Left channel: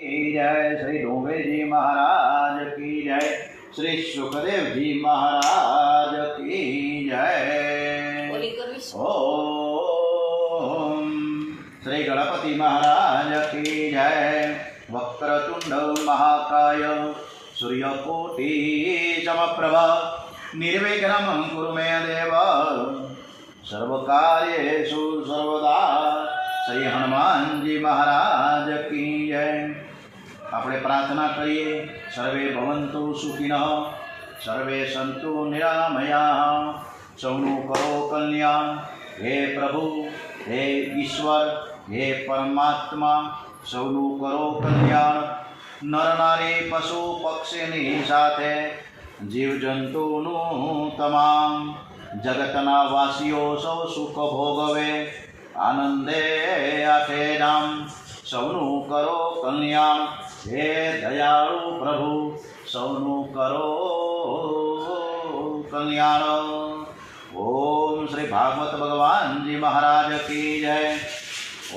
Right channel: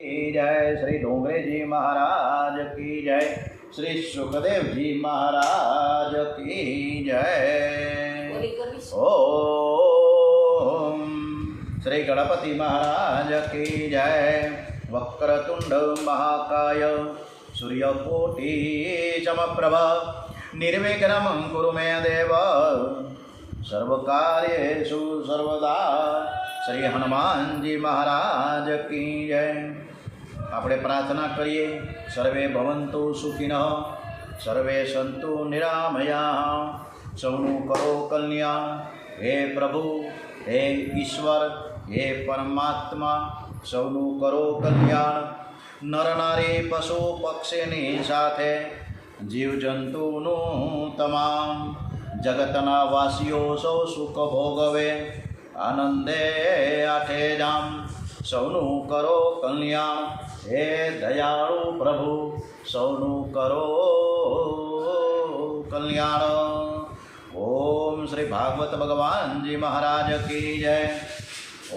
की जय। श्री डोंगरे जी महाराज की जय। श्री सुखदेव जी महाराज की जय। ओम श्री गणपति महाराज की जय। वक्रतुंड महाकाय सूर्यकोटि समप्रभ निर्विघ्नं कुरु मे देव सर्वकार्येषु सर्वदा। श्री हनुमान जी महाराज की जय। આપણે પ્રાર્થના કરીએ, સર્વે ભવંતુ સુખિનઃ, સર્વે સંતુ નિરામયાઃ, સૌનું કરો કલ્યાણ। હે પ્રભુ, હે ઈશ્વર, હે પરમાત્મા, સૌનું કરો કલ્યાણ। નર નારી પશુ પક્ષીની સાથે જીવજંતુનું તમામ જગતના વાસીઓ સૌ સુખ ભોગવે, આનંદે આઠે ધામ, સૌનું કરો કલ્યાણ। हे दयाळु प्रभु, सौनु करो कल्याण। ओम श्री भागवत भगवान जी महाराज की जय।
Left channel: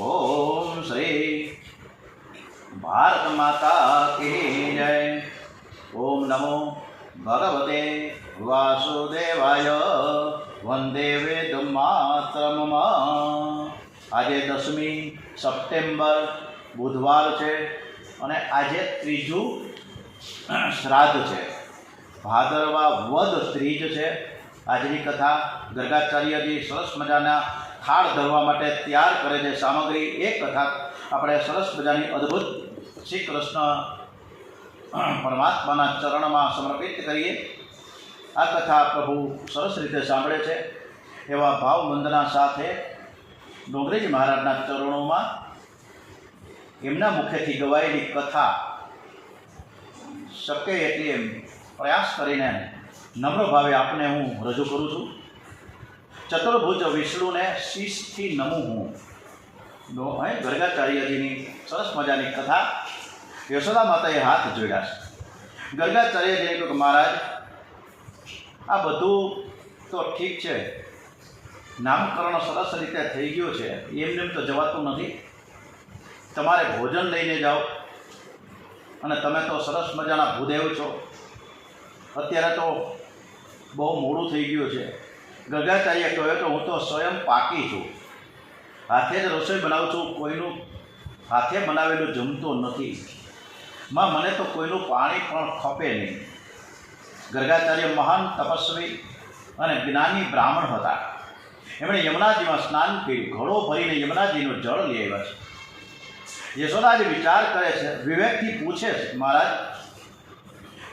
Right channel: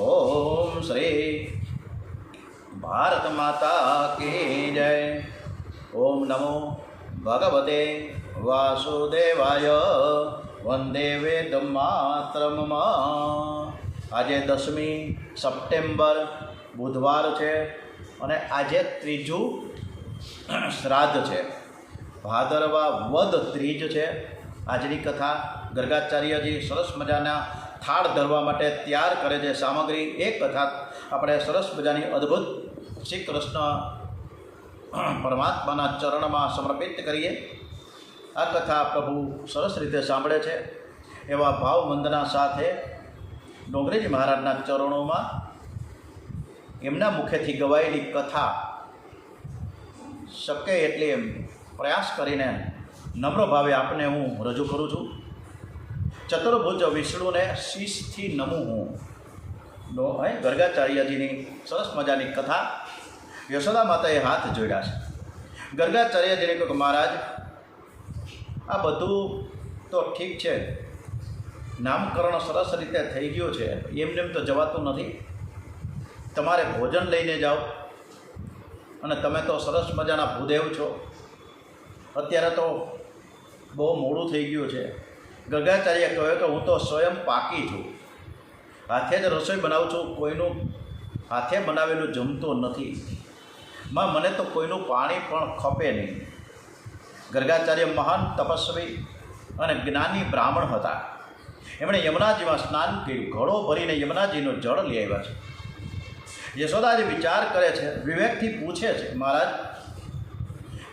ओम श्री भारत माता की जय। ओम नमो भगवते वासुदेवाय। वंदे वेदमातरम्। आज 10 સપ્ટેમ્બર बुधवार है અને આજે ત્રીજું શ્રાદ્ધ છે। ભાદરવા વદ ત્રીજ છે। આજની કથા ગર્ગાચાર્યજી સરસ મજાના થાળ ધરવા માટે તૈયાર કરે છે સામગ્રી। એ કથા આપણે સરસ મજાની અદ્ભુત શ્રી કૃષ્ણ પરમાત્માના ચરણમાં સમર્પિત કરીએ। આ કથા પ્રભુ સરસ રીતે સાંભળે છે એવા ભાવ વંદના સાથે ડોંગરેજી મહારાજના ચરણોમાં એમના મુખેથી ગવાયેલી કથા શક્ય એટલે પ્રયાસ કરીને નમ્ર ભાવે આપને હું રજૂ કરું છું। ચતુર્ભુજ વિષ્ણુને શીશથી નમું હું। ગર્ગાચાર્યજીની સરસ મજાની કથા। યશોદા માતાએ હાથ જોડ્યા છે। ગર્ગાચાર્યજીને કહ્યું કે મહારાજ, આ બધું તો ઠીક છે, નામકરણ સરસ રીતે થઈ ગયું છે, એમને તો જવાતું નથી। તમારે ભોજન લઈને જાઓ અને તમે તો સરસ મજાના ભૂદેવ છો। અત્યારે તો બહુ મોડું થઈ ગયું છે। ગર્ગાચાર્ય કહ્યું કે હું તો સ્વયં પાકી છું, હાથે જ રસોઈ બનાવું છું, કોઈનું હાથે બનાવેલું જમતું નથી। માં મને તો કોઈનું પાણી પણ ખપે નહીં। ગર્ગાચાર્ય મહાન તપસ્વી અને જ્ઞાની બ્રાહ્મણ હતા। એમણે યમુનાજીમાં સ્નાન કર્યું, ઘડો ભરીને યમુનાજીનું જળ લઈ આવ્યા છે। યશોદાજી વિચાર કરે છે, વિવેકથી પૂછે છે, મહારાજ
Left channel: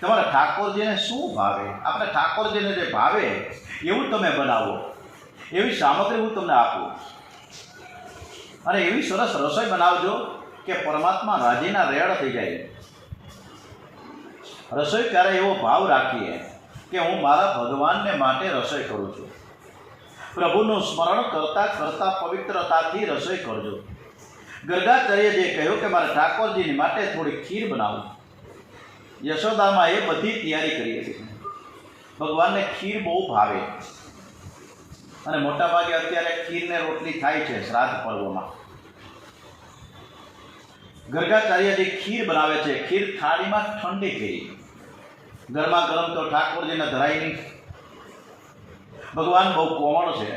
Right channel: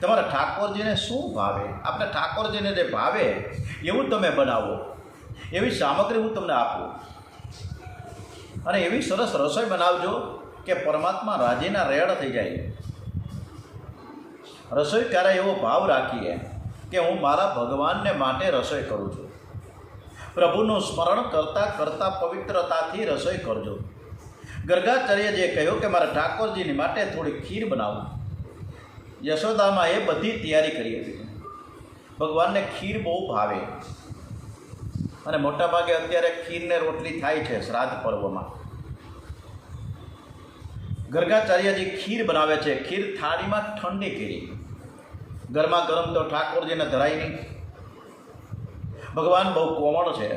તમારા ઠાકોરજીને શું ભાવે? આપણે ઠાકોરજીને જે ભાવે એવું તમે બનાવો, એવી સામગ્રી હું તમને આપું અને એવી સરસ રસોઈ બનાવજો કે પરમાત્મા રાજીના રેડ થઈ જાય। રસોઈ ક્યારે એવો ભાવ રાખીએ કે હું મારા ભગવાનને માટે રસોઈ કરું છું। પ્રભુનું સ્મરણ કરતાં કરતાં પવિત્રતાથી રસોઈ કરજો। ગર્ગાચાર્યજીએ કહ્યું કે મારા ઠાકોરજીની માટે થોડી ખીર બનાવું। યશોદામાં એ બધી તૈયારી કરી હતી। ભગવાનને ખીર બહુ ભાવે અને મોટાભાગે અત્યારે ખીરને રોટલી થાય છે શ્રાદ્ધ પર્વમાં। ગર્ગાચાર્યજી ખીર બનાવે છે। ખીર થાળીમાં ઠંડી કરી, ગરમા ગરમ તો ઠાકોરજીને ધરાય નહીં। ભગવાન બહુ કોમળ છે,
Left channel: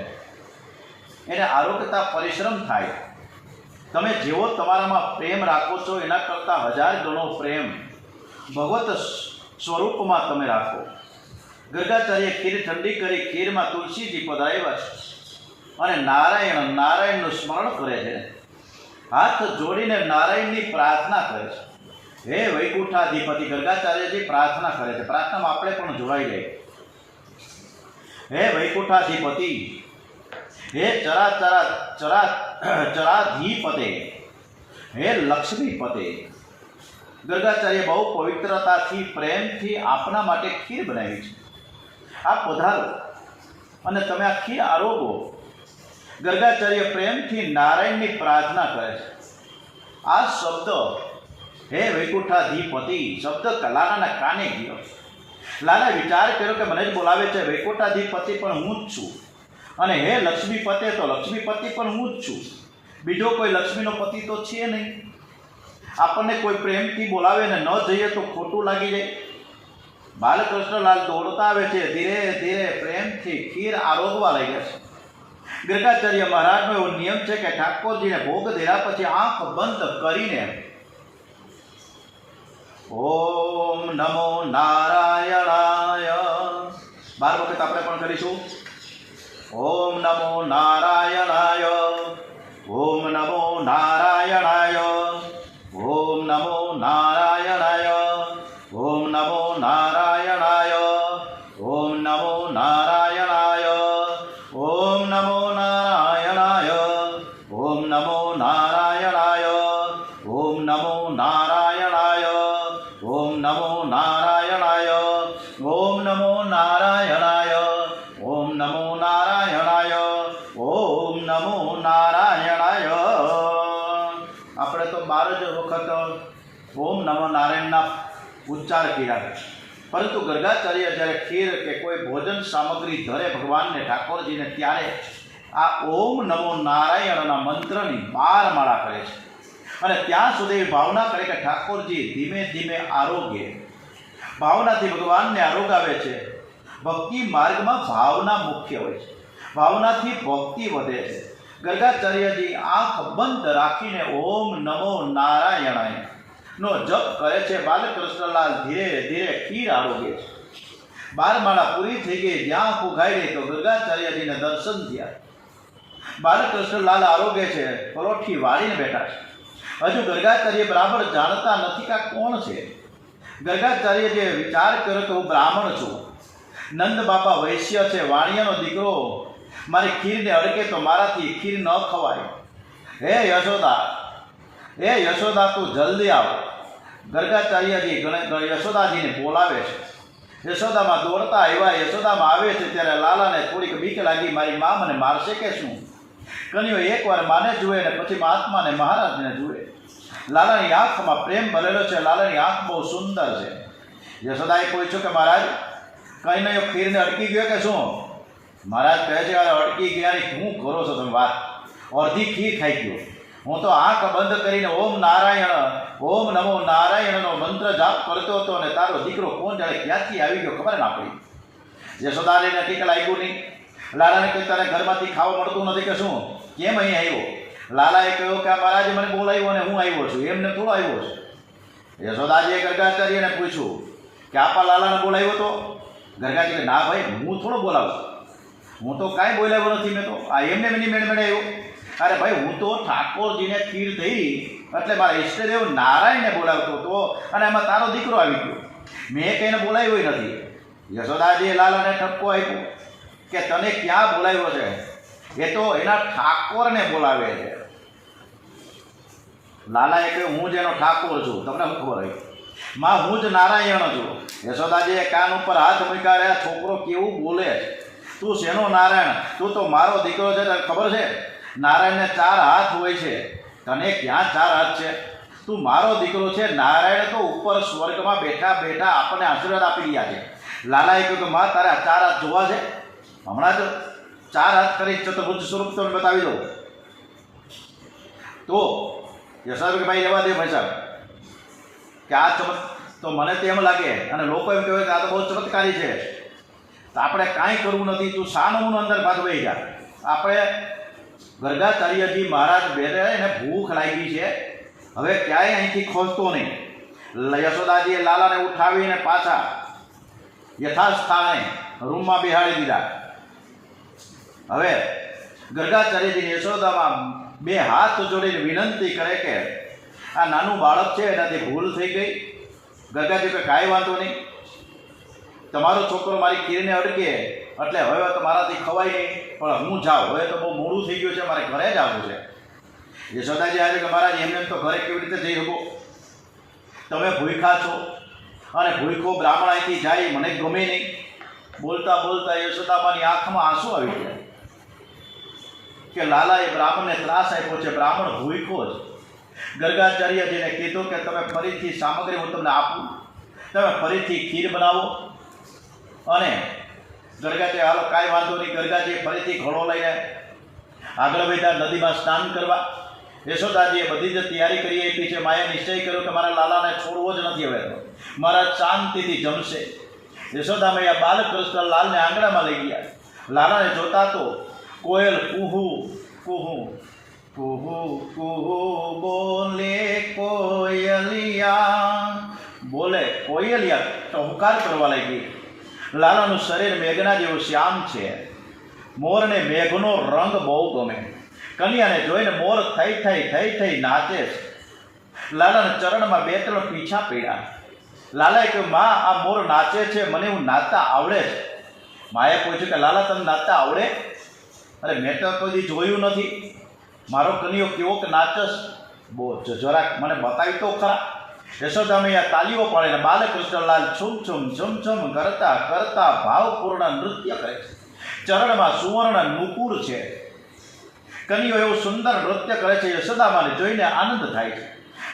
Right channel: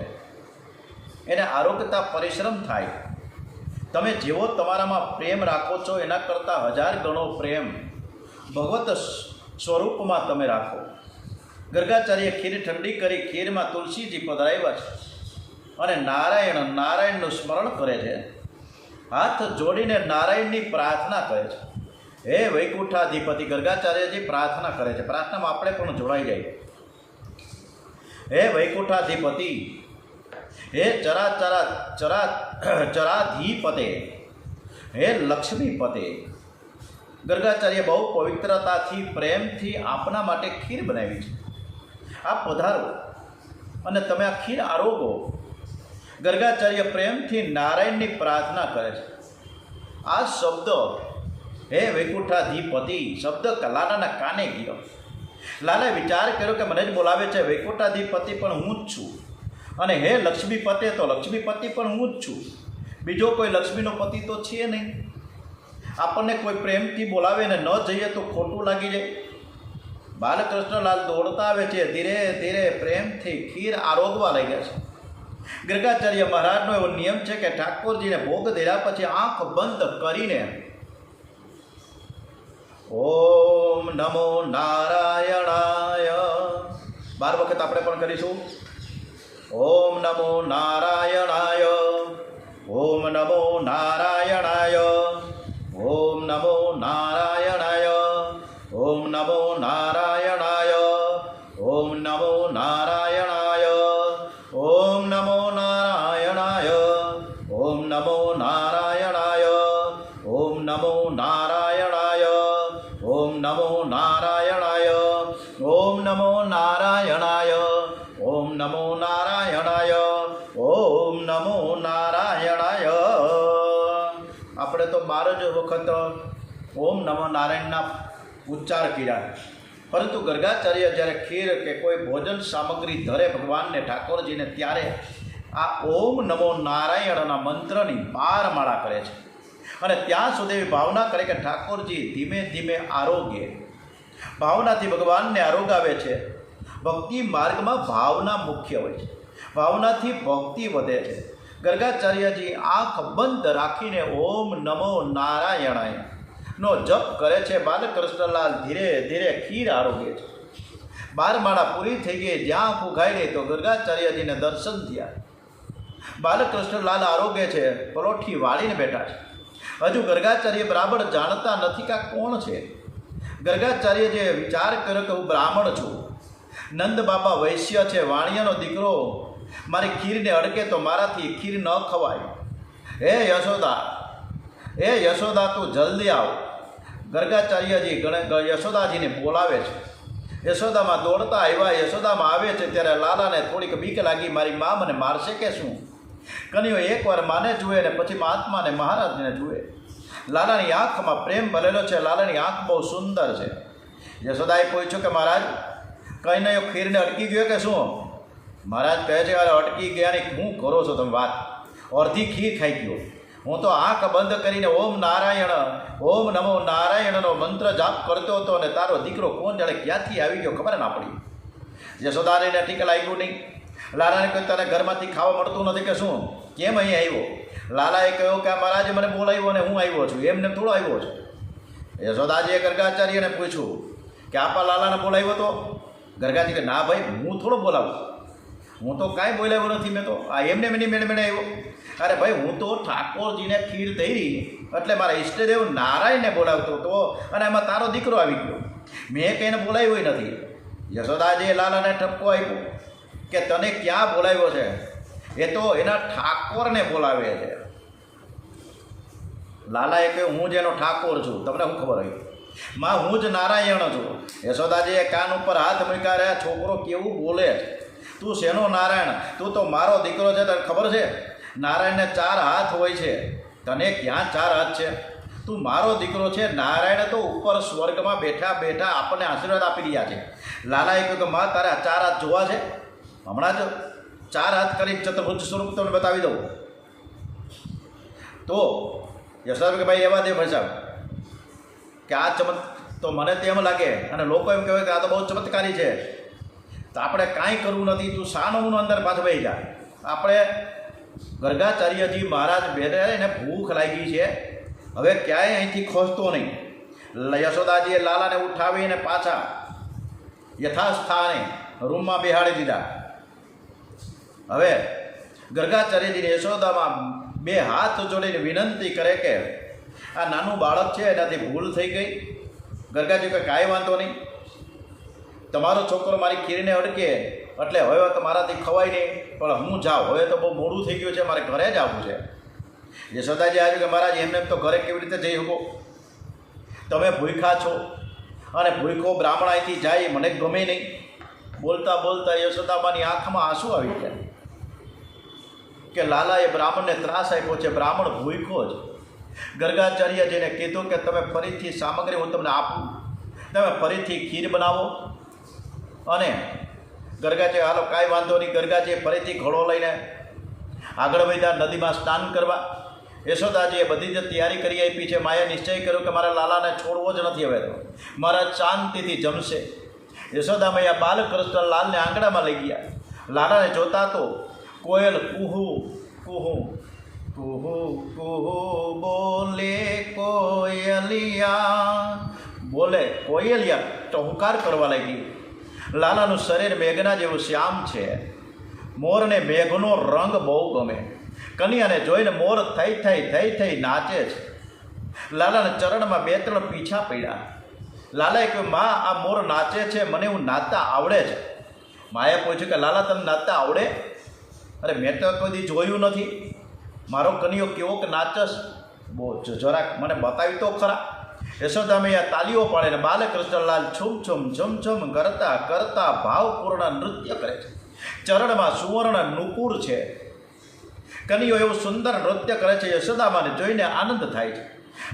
એને આરોગ્યતા પરિશ્રમ થાય। તમે જેવો તમારામાં પ્રેમ રાખો છો એના કરતાં 1000 ગણો પ્રેમ ભગવત સ્વરૂપમાં તમે રાખો। ગર્ગાચાર્ય ખીર ઠંડી કરી, ખીરમાં તુલસીજી પધરાવ્યા છે અને નારાયણનું સ્મરણ કરે છે। હાથ જોડીને નારાયણની પ્રાર્થના કરે છે। હે વૈકુંઠાધિપતિ, ગર્ગાચાર્યજી પ્રાર્થના કરે છે। પ્રાર્થનામાં આપણે પણ જોડાઈ જાય। હે વૈકુંઠાધિપતિ, હે ચરાધીપતે, હે લક્ષ્મીપતે। ગર્ગાચાર્ય બહુ પવિત્રતાથી પ્રેમથી આપના માટે ખીર બનાવી છે। આપ પધારો અને તમે આ ખીર આરોગો। ગર્ગાચાર્ય પ્રેમથી નારાયણની પ્રાર્થના કરે છે। આ શબ્દ હે વૈકુંઠાધિપતિ શબ્દ લાલાના કાને ગયો। લાલાએ વિચાર કર્યો કે મને જ બોલાવે છે, વૈકુંઠાધિપતિ પણ હું જ છું અને હે લક્ષ્મીપતે તો લક્ષ્મીપતિ પણ હું જ છું। બીજો કોઈ લક્ષ્મીનો પતિ તો છે નહીં। આપણને કોઈ પ્રેમથી બોલાવે ને ન જઈએ તો ખોટું લાગી જાય. બાલકૃષ્ણલાલ દોડતા આવે છે, ધીરે ધીરે પ્રેમથી ખીર આરોગવા લાગ્યા છે. ગર્ગાચાર્ય મહારાજનો એવો નિયમ છે કે ઠાકોરજીને ભોગ ધર્યા પછી આંખ બંધ કરીને ઓમ નમો નારાયણાય 12 વખત આપણે પણ કરીશું. ઓમ નમો નારાયણાય, ઓમ નમો નારાયણાય, ઓમ નમો નારાયણાય, ઓમ નમો નારાયણાય, ઓમ નમો નારાયણાય, ઓમ નમો નારાયણાય, ઓમ નમો નારાયણાય, ઓમ નમો નારાયણાય, ઓમ નમો નારાયણાય, ઓમ નમો નારાયણાય, ઓમ નમો નારાયણાય, ઓમ નમો નારાયણાય. આપણે તો 12 જ વખત ઓમ નમો નારાયણના ઉચ્ચાર કર્યા. પરંતુ ગર્ગાચાર્ય જ્યારે ખીર કે કોઈ ભોજન સામગ્રી ધરે ભગવાનને ઠાકોરજીને, ત્યારે આ ઓમ નમો નારાયણના મંત્રની 12 માળા કરે છે અને ત્યાં સુધી ભાવના કરે કે ઠાકોરજી ધીમે ધીમે આરોગ્ય. ભાવનાથી ભગવાનને આરોગાવે છે. ભક્તિ માર્ગમાં ભાવના મુખ્ય હોય છે. ભાવનાથી ભક્તિ વધે છે. ગર્ગાચાર્યજી આંખ બંધ રાખીને ઓમ નમો નારાયણાય નો જપ કરે છે. બાલકૃષ્ણલાલ ધીરે ધીરે ખીર આરોગે છે. 12 માળા પૂરી થઈ ગઈ. જ્યાં ફૂંકાઈ ગઈ તો ગર્ગાચાર્યજીને દર્શન થયા. બાલકૃષ્ણલાલ આરોગે છે, પલોઠી વાળીને બેઠા છે. હજુ ગર્ગાચાર્ય બરાબર જાણતા નથી કે આ કોણ છે. ગર્ગાચાર્યજીએ વિચાર કર્યો કે હું બ્રાહ્મણ છું, નંદ બાપા વૈશ્ય છે, વાણિયાનો દીકરો, મારી ખીરને અડકે તો મારાથી ખીર ન ખવાય. હે યશોદા, હે યશોદા, તું જલ્દી આવ. ગર્ગાચાર્યજી યશોદાજીને બોલાવે છે. યશોદામાં દોડતા આવ્યા. યશોદામાં આવે છે ત્યારે લાલાને થોડીક બીક લાગી, મારી મા મને મારશે કે શું. કન્યો એકવાર માને જુએ ને પછી મહાત્માને મહારાજને જુએ. લાલાની આંખમાં પ્રેમ ભરેલો છે. લાલાની આંખ બહુ સુંદર છે. યશોદાએ પૂછ્યું કે મહારાજ, કંઈ નહીં, ખીરને અટકી ગયો કે શું? મહારાજ કહે છે, અરે અટકી ગયાની શું કરો છો તમે વાત? અડધી ખીર ખાઈ ગયો. હું તો આંખ બંધ કરીને ઓમ નારાયણ, ઓમ નમો નારાયણનો મંત્ર જાપ કરતો હતો અને તારો દીકરો કોણ જાણે ક્યાંથી આવી ગયો ખબર ના પડી. યશોદાને ઠીક લાગ્યું નહીં. લાલાને કહ્યું, તને ઘરમાંથી ખાવા મળતું નથી કે શું? કેમ અહીં આવ્યો? લાલાએ કહ્યું કે મહારાજે મને બોલાવ્યો અને હું આવ્યો છું, એમને થોડો આવ્યો છું. યશોદાજીએ ગર્ગાચાર્યને પૂછ્યું કે આપા લાલાને બોલાવ્યો તો? ગર્ગાજી કે ના ભાઈ, હું થોડો બોલાવું, હું તો કાંઈ બોલાવ્યો નથી. મેં તો આ એમને મેની મેળે આવ્યો. અરે ભાઈ, હું તો ઠાકોરજીને ખીર થઈ એટલે મારા ઈષ્ટદેવ નારાયણને બોલાવતો હતો અને એમાં તારો દીકરો આવી ગયો. મેં કહીને બોલાવ્યો નથી. યશોદાજીએ લાલાને ઠપકો આપ્યો કે તને ક્યાં બોલાવ્યો છે? એ તો એના ઠાકોરને બોલાવે છે. લાલાએ કહ્યું, હું જ એનો ઠાકોર છું, તમને શું ખબર હોય? માં, હું જ નારાયણ છું. યશોદાજીએ કાન ઉપર હાથ મૂક્યા. રહ્યા છોકરો કેવું બોલે છે. તું શેનો નારાયણ? તું તો મારો દીકરો છે. તને ખબર છે નારાયણને 4 હાથ હોય છે, તને ક્યાં 4 હાથ છે? તું મારો દીકરો છે. નારાયણ તો ઉપર સ્વર્ગમાં બેઠા બેઠા આપણને આશીર્વાદ આપી રહ્યા છે. લાલાએ કહ્યું કે માં, તારે આ 4 હાથ જોવા છે? હમણાં જ 4 હાથ કરી ચતુર્ભુજ સ્વરૂપ તમને બતાવી દઉં. તો યશોદા કે ભાઈ એવા દે ભાઈ કે આ તો મને તો એમ લાગે અને લોકો એમ કહેવાય કે આ તો બહુ ચમત્કારી છે, તો આપણે કાંઈ કરવું નથી. તું શાનું અંદર પાછું વહી ગયા. આપણે ગર્ગાચાર્યજી મહારાજ બેઠે એને ભૂખ લાગી છે, હવે ક્યાંય અહીંથી ખોજતો નહીં. યશોદાજીએ લાલાને ઉઠાવીને પાછા યથાસ્થાને રૂમમાં બેહાડી દીધા. હવે ગર્ગાચાર્યજીને યશોદામાં 2 હાથ જોડીને વિનંતી કરે કે આ નાનું બાળક છે, એનાથી ભૂલ થઈ ગઈ. ગર્ગાજી કે કાંઈ વાંધો નહીં, તમારો છોકરો મારી ખીરને અડકે એટલે હવે તો મારાથી ખવાય નહીં, પણ હું જાઉં, હવે તો બહુ મોડું થઈ ગયું છે, મારે ઘરે જ આવવું છે. યશોદાજી આજે કે મહારાજ એમને તો ઘરે કેવી રીતે જઈ શકો? તમે ભૂખ્યા છો અને ભૂખો બ્રાહ્મણ અહીંથી જાય મને ગમે નહીં. બોલતા બોલતા યશોદામાની આંખમાં આંસુ આવી ગયા કે લાલાએ બ્રાહ્મણને ત્રાસ આપ્યો છે, બ્રાહ્મણ ભૂખો જ. ગર્ગાચાર્યજીને કીધું કે તમે ફરીથી સામગ્રી હું તમને આપું, તમે ફરીથી ખીર બનાવો. અને ગર્ગાજી હાલો કાંઈ વાંધો નહીં. ગર્ગાજીએ ફરીથી ઘડો લઈને આગળ વધ્યા નદીમાં સ્નાન કરવા. યશોદાજીએ બધી જ તૈયારી કરી આપી છે. માએ નિશ્ચય કર્યો કે મારા લાલાને છોડવો જ નથી હવે તો, મારા શાંતિથી જમશે. યશોદા મૈયા બાલકૃષ્ણ લાલને આંગણામાં લઈ ગયા. લાલાને જોતા તો કોયલ કુહુ કુહુ કુહુ કુહુ બોલે કોયલિયા, બોલે કોયલિયા ટહુકાર કરવા લાગી. લાલાનું શરીર મેઘના જેવું શ્યામ છે. મોરને મેઘનો રંગ બહુ ગમે. કન્યાને જોઈને મોર થઈ થઈ નાચે છે. લાલાના ચરણમાં 2-3 પીછા પડ્યા. લાલાએ કહ્યું, મા આ મોર નાચે છે, મને એવું નાચતા આવડે છે. માએ પૂછ્યું કે લાલા તને નાચતા આવડે? અરે મેં તો કદી જોયું નથી, મારો કન્યો કેવો કે નાચસ, બહુ જરાક મને બતાવી તો ખરા. યશોદા મૈયા તાલીઓ પાડીને બાલકૃષ્ણલાલ છુમ છુમ છુમ છુમ કરતા કરતા ભાવપૂર્ણ નૃત્ય કરે છે. ચરણમાં સુવર્ણ નુપુર છે. કન્યો એવું સુંદર નૃત્ય કરે છે. યશોદામાને જોઈને આનંદ થાય છે.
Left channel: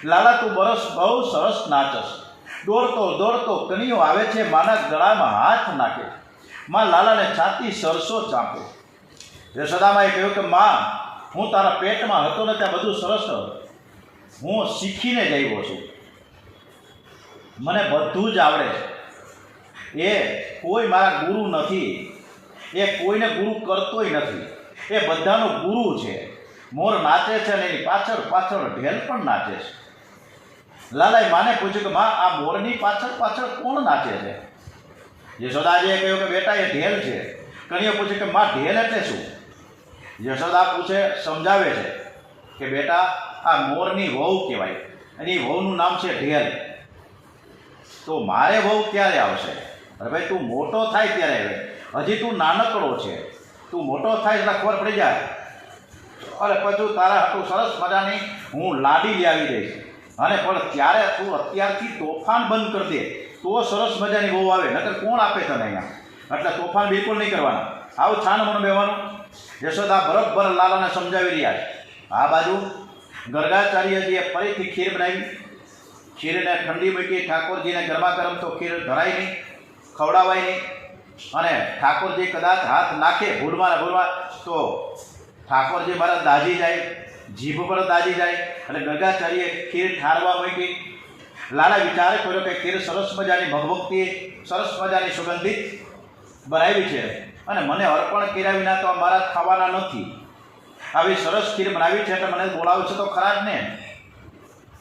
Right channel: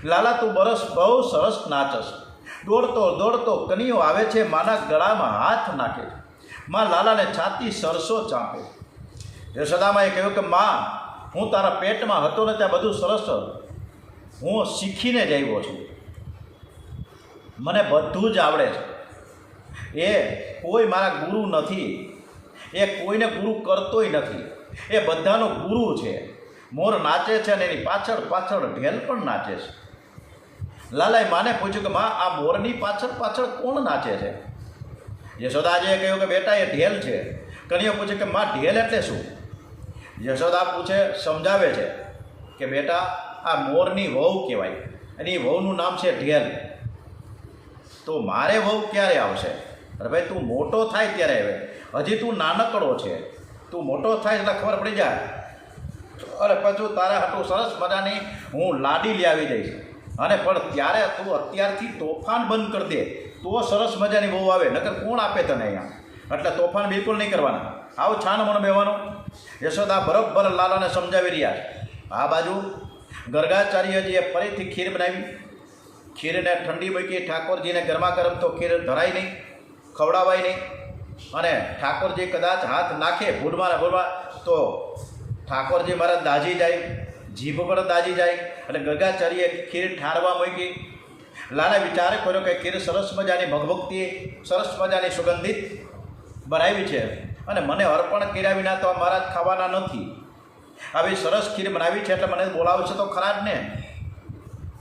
લાલા તું બહુ સરસ નાચસ. દોડતો દોડતો કન્યો આવે છે, માના ગળામાં હાથ નાખે. માં લાલાને છાતી સરસો ચાંપે. યશોદામાએ કહ્યું કે માં, હું તારા પેટમાં હતો ને ત્યાં બધું સરસ હું શીખીને જ આવ્યો છું, મને બધું જ આવડે છે. એ કોઈ મારા ગુરુ નથી, એ કોઈને ગુરુ કરતોય નથી, એ બધાનો ગુરુ છે. મોર નાચે છે અને એની પાછળ પાછળ ઢેલ પણ નાચે છે. લાલાએ માને પૂછ્યું કે માં આ મોરની પાછળ પાછળ કોણ નાચે છે? યશોદાજીએ કહ્યું કે બેટા એ ઢેલ છે. કન્યો પૂછે કે માં ઢેલ એટલે શું? યશોદા પૂછે, સમજાવે છે કે બેટા આ મોરની વહુ કહેવાય, અને એ વહુનું નામ છે ઢેલ. તો મારે વહુ ક્યારે આવશે? અરે ભાઈ તું મોટો થાય ત્યારે આવે, હજી તું નાનકડો છે, તું મોટો થાય એટલે ખબર પડી જાય. અરે પછી તારા હાટું સરસ મજાની હું લાડી લઈ આવી દઈશ, અને પણ ત્યારે તું અત્યારથી તોફાન બંધ કરી દે તો સરસ મજાની બહુ આવે, નકર કોણ આપે તને અહીંયા? એટલે તોફાન બિલકુલ નહીં કરવાના, આવું છાન મને બેવાનું. યશોદા બરોબર લાલાને સમજાવી રહ્યા છે. આ બાજુ ગર્ગાચાર્યજીએ ફરીથી ખીર બનાવી. ખીરને ઠંડી મૂકી. ઠાકોરજીને ગરમા ગરમ તો ખીર ધરાય નહીં, ખવડાવાય નહીં. અને ઠાકોરજી કદાચ હાથ નાખે ભૂલમાં ને ભૂલમાં તો ઠાકોરજી મારા દાજી જાય, જીભ પર દાજી જાય. અને ગર્ગાચાર્યએ ખીર ઠારવા મૂકી. લાલા વિચાર કર્યો કે ખીર સરસ મજાની ભગભગતી, સરસ મજાની સુગંધિત બનાવી છે, અને મને અર્પણ કર્યા વિના તો મારા ખાવાના નથી. આવી સરસ ખીર બનાવી છે એટલે મને બોલાવે છે તો ખરા જ ને,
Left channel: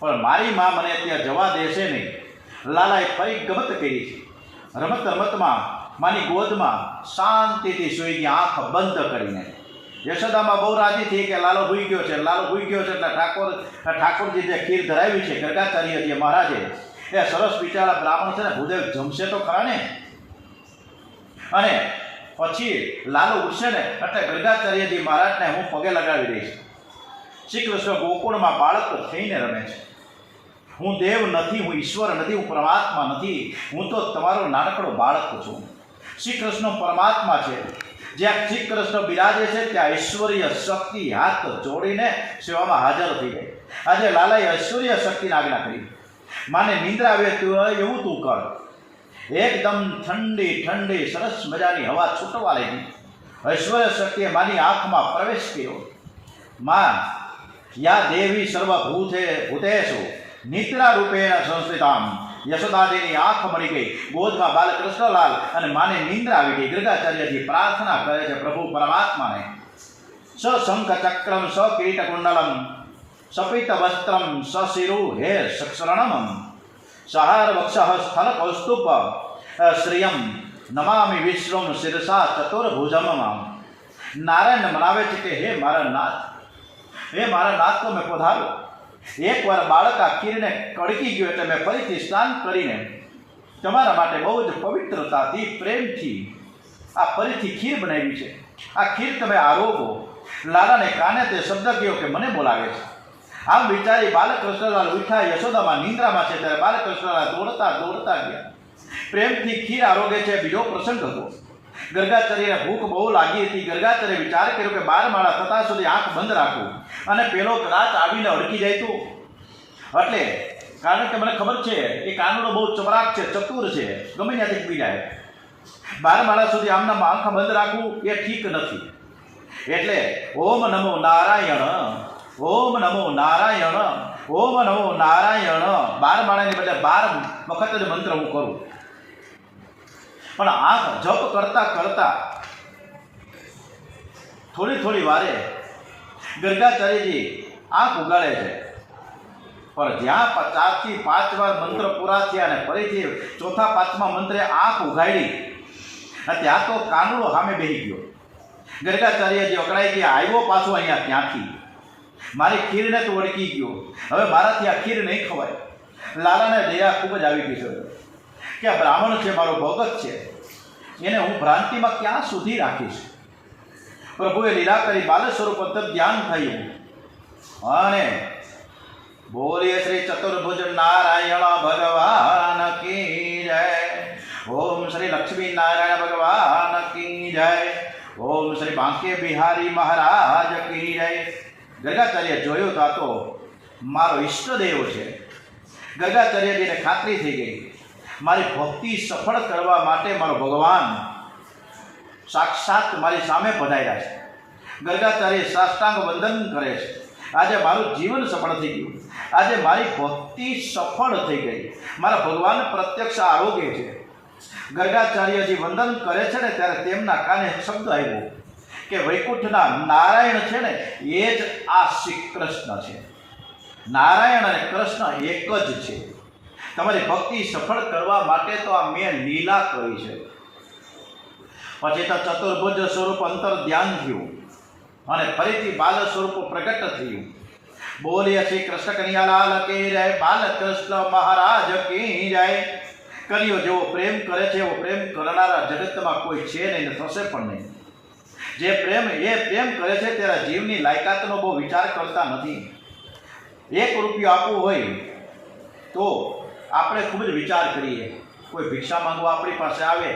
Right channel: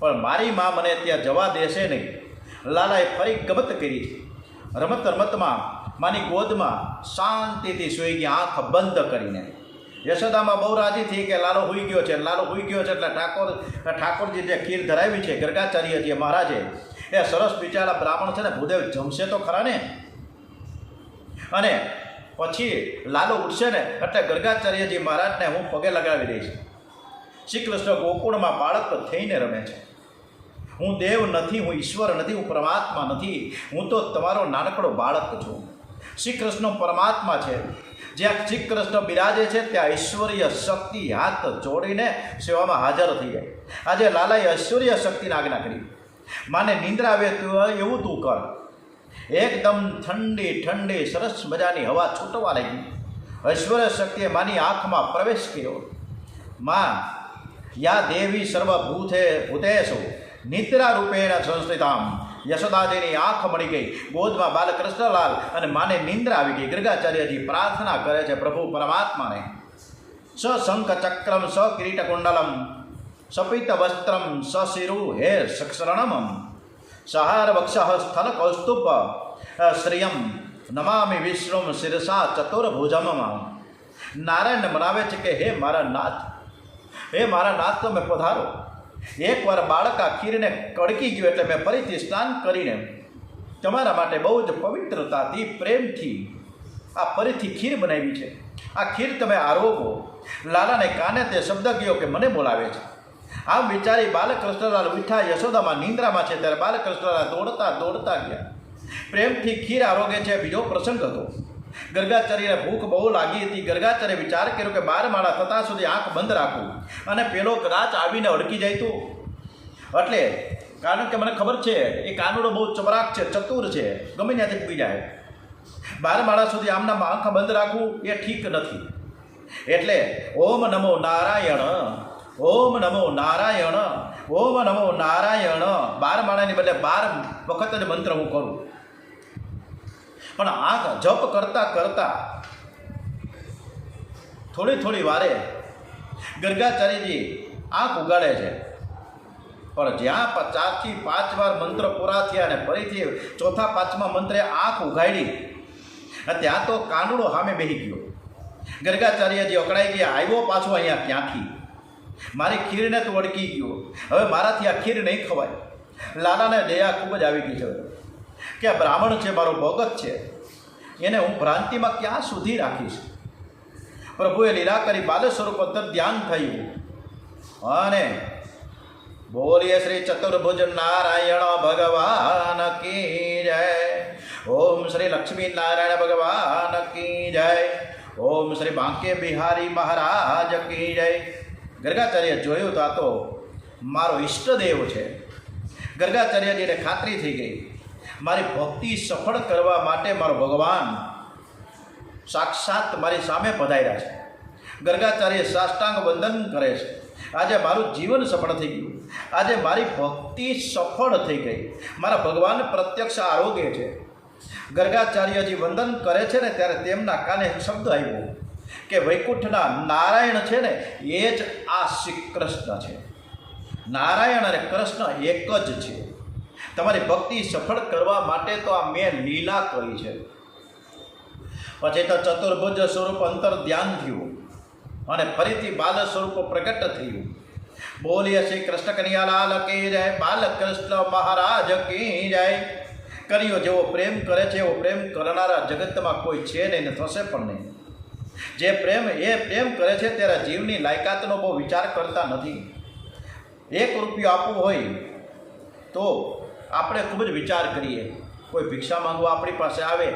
પણ મારી મા મને ત્યાં જવા દેશે નહીં. લાલાએ ફરી ગમત કરી. રમત રમતમાં માની ગોદમાં શાંતિથી સૂઈ ગયા, આંખ બંધ કરીને. યશોદામાં બહુ રાજી થઈ કે લાલો હોઈ ગયો છે, લાલો હોઈ ગયો છે. એટલે ઠાકોરજી જે ખીર ધરાવી છે ગર્ગાચાર્યજીએ મહારાજે, એ સરસ બિચારા બ્રાહ્મણ છે ને ભૂદેવ જમશે તો ખરા ને. અને પછી લાલો ઉઠશે ને એટલે ગર્ગાચાર્યજી મહારાજને હું પગે લગાવી દઈશ. શ્રી કૃષ્ણ ગોકુળમાં બાળક થઈને રમે છે. હું દેવ નથી, હું ઈશ્વર નથી, હું પરમાત્મા નથી, હું તો તમારો નાનકડો બાળક છું. શ્રી કૃષ્ણ પરમાત્મા છે. જ્યાં શ્રી કૃષ્ણ બિરાજે છે ત્યાં ઐશ્વર્ય શક્તિ હાથ જોડીને સેવામાં હાજર થઈ જાય. આજે લાલાએ ઐશ્વર્ય શક્તિની આજ્ઞા કરી. માને નિંદ્રા આવે એવું તું કર. એકદમ ઠંડી ઠંડી સરસ મજાની હવા છૂટવા લાગી. ઐશ્વર્ય શક્તિએ માની આંખમાં પ્રવેશ કર્યો. માં યા દેવી સર્વભૂતે ભૂતેષુ નિદ્રા રૂપેણ સંસ્કૃતામ. યશોદાજીની આંખ મળી ગઈ. ગોદમાં બાલકૃષ્ણલાલ અને માને નિંદ્રા આવી ગઈ. ગર્ગાચાર્યજી પ્રાર્થના કરે છે પ્રભુ પરમાત્માને. સ શંખ ચક્રમ સ કિરીટ કુંડલમ સપિત વસ્ત્રમ સશિરુ હે સક્ષરણમ સહાર વક્ષ સ્થલ કૌસ્તુભ શ્રિયમ નમામિ વિશ્વમ શિરસા ચતુર્ભુજમ. નારાયણ મનાવે છે કે હે મારા નાથ, હે મારા નાથ તો મેં પધારો. એકવાર બાળક આ ખીરને કડકી ગયો એટલે મેં ફરીથી સ્નાન કરીને તમારા માટે બહુ જ પવિત્રતાથી પ્રેમથી આ ફરીથી ખીર બનાવી છે. આ ખીર તમે આરોગો. લાલાને કાને તે શબ્દ કહ્યો કે મને બોલાવે છે. આમ વિચારી બાલકૃષ્ણલાલ ઉઠા. યશોદામાં નિંદ્રામાં છે ત્યારે બાલકૃષ્ણલાલ દોડતા દોડતા ગયા. પ્રેમથી ખીર આરોગે છે. બીજો પ્રસંગ હતો. ગર્ગાચાર્યને ભૂખ બહુ લાગી હતી. ગર્ગાચાર્ય વિચાર કર્યો કે 12 માળા થતાં સુધી આંખ બંધ રાખું, અને પેલો કદાચ આવીને અડકી જાય તો. એટલે કારણ કે મને ખબર છે એ કાનુડો બહુ ચપરાક છે, ચતુર છે, ગમે ત્યાંથી પી જાય. 12 માળા સુધી આમના આંખ બંધ રાખવું એ ઠીક નથી. એટલે ઓમ નમો નારાયણ ઓમ નમો નારાયણ, ઓમ નમો નારાયણ 12 માળાની બદલે 12 વખત જ મંત્ર હું કરું. પણ આંખ જપ કરતા કરતા થોડી વારે ગર્ગાચાર્યજી આંખ ઉગાડે છે. પણ જ્યાં 4 થી 5 વાર મંત્ર પૂરા થયા અને ફરીથી ચોથા પાંચમા મંત્રે આંખ ઉઘાડી, ત્યાં તો કાનુડો સામે બેસી ગયો. ગર્ગાચાર્યજી અકળાઈ ગયા, આવ્યો પાછો અહીંયા ક્યાંથી? મારી ખીરને તો વળગી ગયો, હવે મારાથી આ ખીર નહીં ખવાય. લાલાને દયા ખૂબ જ આવી ગઈ છે કે આ બ્રાહ્મણ છે, મારો ભગત છે, એને હું ભ્રાંતિમાં ક્યાં સુધી રાખીશ. પ્રભુએ લીલા કરી બાલ સ્વરૂપ ધ્યાન થયું અને બોલીએ શ્રી ચતુર્ભુજ નારાયણ ભગવાન કી જય. ઓમ શ્રી લક્ષ્મી નારાયણ ભગવાન કી જય. ઓમ શ્રી બાંકે બિહારી મહારાજ કી જય. ગર્ગાચાર્ય જોયું તો આ તો મારો ઈષ્ટદેવ છે. ગર્ગાચાર્યજીને ખાતરી થઈ ગઈ, મારી ભક્તિ સફળ કરવા માટે મારો ભગવાન સાક્ષાત મારી સામે પધાર્યા છે. ગર્ગાચાર્ય સાષ્ટાંગ વંદન કરે છે. આજે મારું જીવન સફળ થઈ ગયું, આજે મારી ભક્તિ સફળ થઈ ગઈ, મારા ભગવાન પ્રત્યક્ષ આરોગ્ય છે. ગર્ગાચાર્યજી વંદન કરે છે ને ત્યારે તેમના કાને શબ્દ આવ્યો કે વૈકુંઠના નારાયણ છે ને એ જ આ શ્રી કૃષ્ણ છે. નારાયણ અને કૃષ્ણ એક જ છે. તમારી ભક્તિ સફળ કરવા માટે તો આ મેં લીલા કરી છે. પછી તો ચતુર્ભુજ સ્વરૂપ અંતર ધ્યાન થયું અને ફરીથી બાલ સ્વરૂપ પ્રગટ થયું. બોલીએ શ્રી કૃષ્ણ કનૈયાલાલ કી જય. બાલકૃષ્ણ મહારાજ કી જય. કનૈયો જેવો પ્રેમ કરે છે એવો પ્રેમ કરનારા જગતમાં કોઈ છે નહીં, થશે પણ નહીં. જે પ્રેમ કરે છે ત્યારે જીવની લાયકાતનો બહુ વિચાર કરતા નથી. 1 રૂપિયો આપવો હોય તો આપણે ખૂબ જ વિચાર કરીએ. કોઈ ભિક્ષા માંગવા આપણી પાસે આવે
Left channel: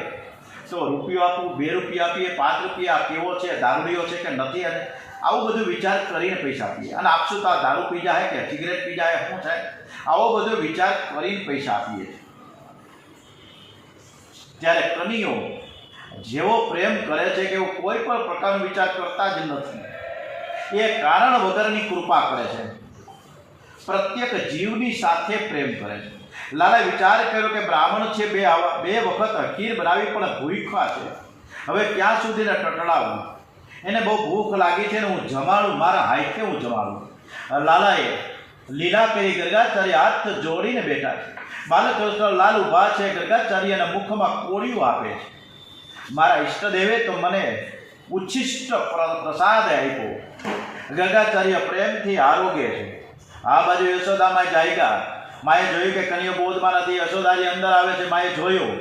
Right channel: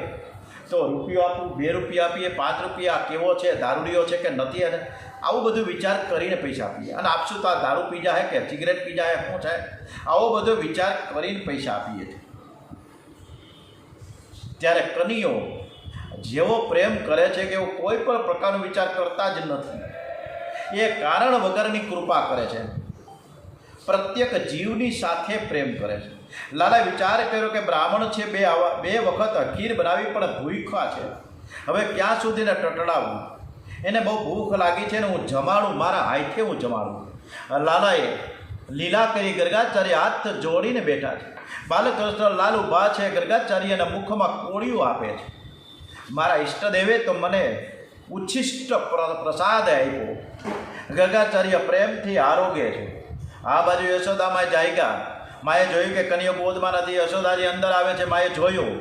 તો રૂપિયો આપવું, 2 રૂપિયા આપીએ, 5 રૂપિયા કેવો છે, દારૂડિયો છે કે નથી, અને આવું બધું વિચાર કરીને પૈસા આપીએ. અને આપશું તો દારૂ પી જાય કે સિગરેટ પી જાય, શું થાય, આવો બધો વિચાર કરીને પૈસા આપીએ. ત્યારે કનૈયો જેવો પ્રેમ કરે છે કે એવું કોઈ પણ પ્રકારનો વિચાર કરતા જ નથી. એ કારણ વગરની કૃપા કરે છે, પ્રત્યેક જીવની સાથે પ્રેમ કરે છે. લાલાએ વિચાર કર્યો કે બ્રાહ્મણ છે, 2 વખત ખીર બનાવી પણ ભૂખ્યા છે, હવે ક્યાં સુધીને ટટડાવું. એને બહુ ભૂખ લાગી છે ને હું જમાડું, મારા હાથે હું જમાડું. લાલાએ લીલા કરી ગર્ગાચાર્ય હાથ જોડીને બેઠા છે. બાલકૃષ્ણ લાલ ઊભા છે, ગર્ગાચાર્યના મુખમાં કોળિયું આપે છે. મારા ઈષ્ટદેવે તો મને ઉચ્છિષ્ટ પ્રસાદ આપ્યો. ગર્ગાચાર્ય પ્રેમથી આરોગ્ય છે. આ બાજુ યશોદામાં જાયગા. માએ જોયું કે કનૈયો બોધમાં નથી. યશોદારી અંદર આવે છે. માએ જોયું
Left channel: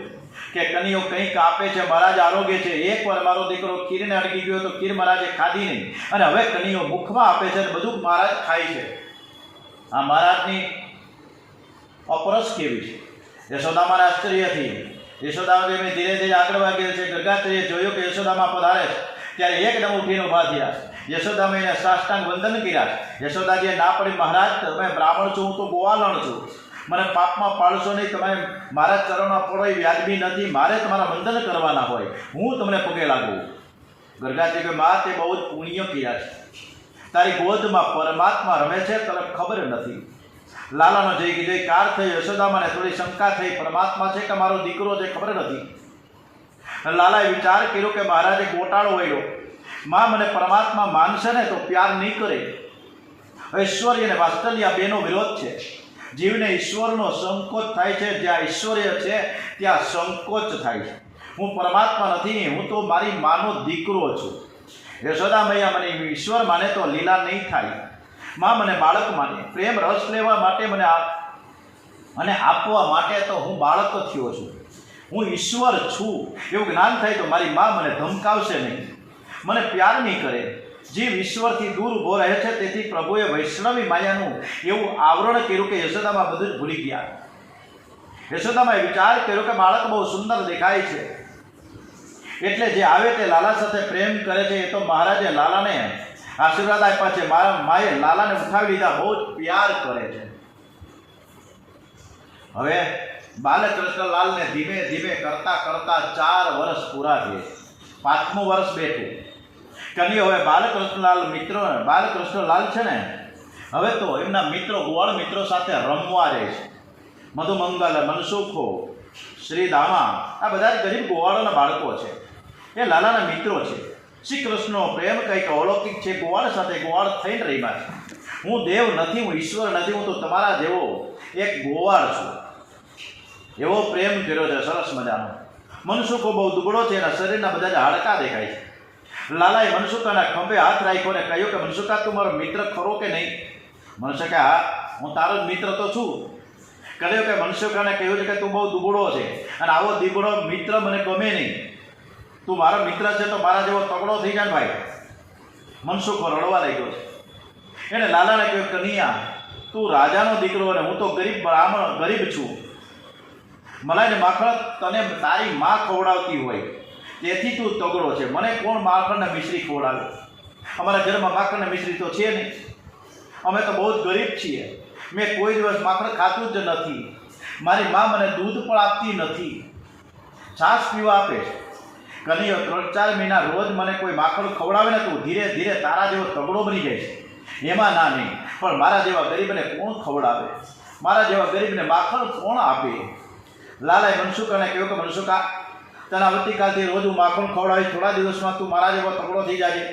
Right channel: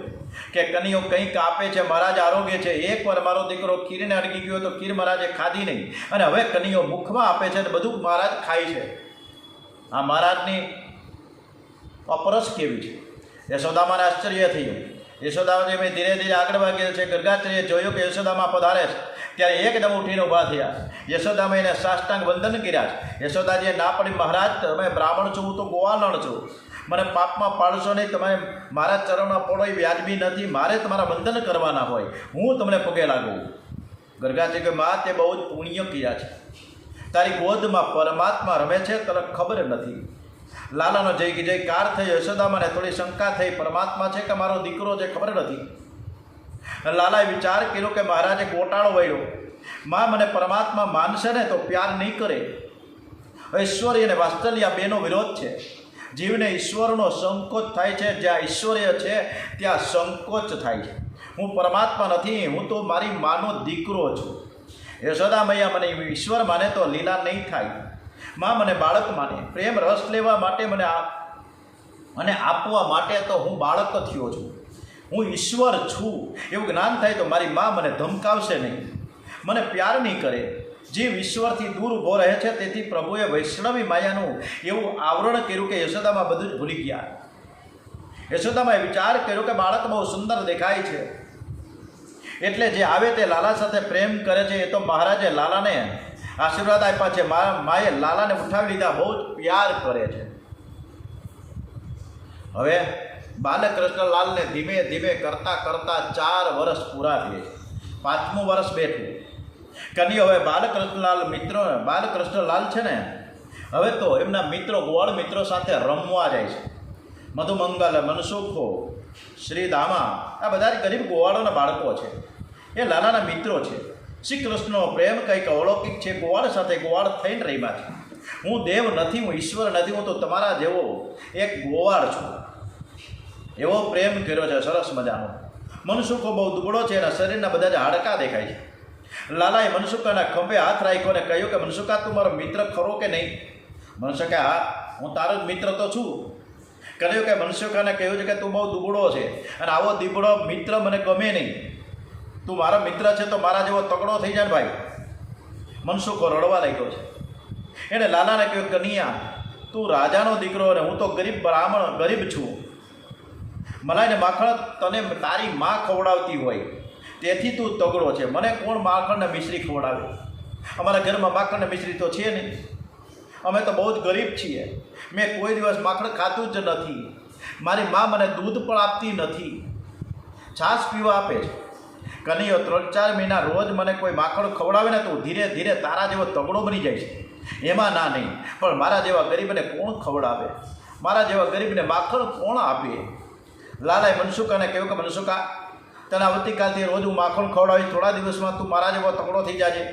કે કનૈયો કંઈક આપે છે. મહારાજ આરોગ્ય છે. એકવાર મારો દીકરો ખીરને અડકી ગયો તો ખીર મહારાજે ખાધી નહીં, અને હવે કનૈયો મુખમાં આપે છે અને બધું મહારાજ ખાય છે. આ મહારાજની અપરસ કેવી છે. યશોદામાને આશ્ચર્ય થયું. યશોદાજી ધીરે ધીરે આગળ વાગ્યો છે. ગર્ગાચાર્ય જોયું કે યશોદામાં પધારે છે ત્યારે એકદમ ઉઠીને ઊભા થયા. યશોદામાં એને સાષ્ટાંગ વંદન કર્યા છે. યશોદાજીએ ના પડી, મહારાજ તમે બ્રાહ્મણ છો, હું તો ગોવાલણ છું, મને પાપમાં પાડશો નહીં, તમે મારા ચરણમાં પડો એ વ્યાજબી નથી, મારે તમારા વંદન કરવાના હોય, હું તમને પગે લાગું. ગર્ગાચાર્ય કે મા તે બહુ જ પુણ્ય કર્યા છે, તારી ગોદમાં પરમાત્મા રમે છે, તને ખબર નથી. લાલાનો જયકાર થયો. યશોદામાને થોડી શંકા થઈ, પરમાત્મા છે કે મારો દીકરો છે, ખબર નથી. લાલાએ વિચાર કર્યો કે મહારાજે ગોટાળો વળ્યો, માં મને પરમાત્મા માનશે ને તો પ્યાર નહીં કરે. ઐશ્વર્ય અને વાત્સલ્ય આ બેનો વિરોધ છે. જીવને ઈશ્વરનો સંકોચ થાય છે. જ્યાં ઐશ્વર્ય છે ત્યાં સંકોચ થાય છે. હું પરમાત્મા નથી, હું તો મારી માનો દીકરો છું. યશોદા મૈયા મને ઈશ્વર માને તો લીલા નહીં થાય. માં મને બાળક માને, પ્રેમ રસ લેવા માટે મને અને આપવા માટે તો હું બાળક થયો છું, હું ઈશ્વર છું એવું જ્ઞાન થાય તો મારી માં મને ધમકાવશે નહીં, મને પ્યાર નહીં કરે. જીવ ઈશ્વરથી દૂર ઊભો રહે છે. તેથી પ્રભુએ વૈષ્ણવી માયાનું એવું આવરણ કર્યું કે યશોદામાં બધું જ ભૂલી ગયા. યશોદામાં વિચાર કર્યો કે બાળક બહુ સુંદર દેખાય છે, એટલે જે આવે તે લાલા સાથે પ્રેમ કરે છે. એ તો મહારાજે લાલાને આશીર્વાદ આપ્યા છે. મારા માએ લાલાને ઉઠાવી લીધા, બહુ જ પ્યાર કરે છે. હવે બાલકૃષ્ણલાલને ધીમે ધીમે કરતાં 4 વર્ષ પૂરા થયા. 5મું વર્ષ બેઠું. કનૈયો હવે બાલકૃષ્ણલાલ છે ને હવે તો એમના મિત્રો ગોવાળ મિત્રો સાથે રમવા જાય છે. મધુમંગલ, મનસુખો, શ્રીદામા આ બધા ગરીબ ગોવાળોના બાળકો છે. એ લાલાના મિત્રો છે. શ્રી કૃષ્ણનો પ્રેમ કંઈક અલૌકિક છે. ગોવાળ સાથે ગોવાળ થઈને રહીમાં છે. હું દેવ નથી, હું ઈશ્વર નથી, હું તો તમારા જેવો એક ગોવાળ છું. એવો પ્રેમ કર્યો છે સરસ મજાનો. મનસુખો બહુ દુબળો છે, એના શરીરના બધા જ હાડકાં દેખાય છે. લાલાએ મનસુખાના ખંભે હાથ રાખ્યો અને કહ્યું કે મનસુખા, તું મારો મિત્ર ખરો કે નહીં? મનસુખા, હા, હું તારો જ મિત્ર તો છું. કહ્યું કે મનસુખાને કહ્યું છે કે તું બહુ દુબળો છે અને આવો દીબળો મિત્ર મને ગમે નહીં. તું મારો મિત્ર છે તો મારા જેવો તગડો થઈ જાય ને ભાઈ. મનસુખો રડવા લાગ્યો છે. એણે લાલાને કહ્યું, કનૈયા, તું રાજાનો દીકરો અને હું તો ગરીબ છું. મલાઈને માખણ તને તારી માં ખવડાવતી હોય તેથી તું તગડો છે. મને કોણ માખણને મિશ્રી ખવડાવે? અમારા ઘરમાં માખણને મિશ્રી તો છે નહીં. અમે તો બહુ જ ગરીબ છીએ. મેં કોઈ દિવસ માખણ ખાતું જ નથી. મારી મા મને દૂધ પણ આપતી નથી, છાશ પીવા આપે છે. કનૈયો 3-4 મહિના રોજ મને કોઈ માખણ ખવડાવે ને તો ધીરે ધીરે તારા જેવો તગડો બની જાય છે. એમાં ના નહીં, પણ મારા જેવા ગરીબને કોણ ખવડાવે? મારા જેવા ગરીબને માખણ કોણ આપે? લાલાએ મનસુખાને કહ્યું કે મનસુખા, તને આવતીકાલથી રોજ હું માખણ ખવડાવીશ. થોડા દિવસમાં તું મારા જેવો તગડો થઈ જાય.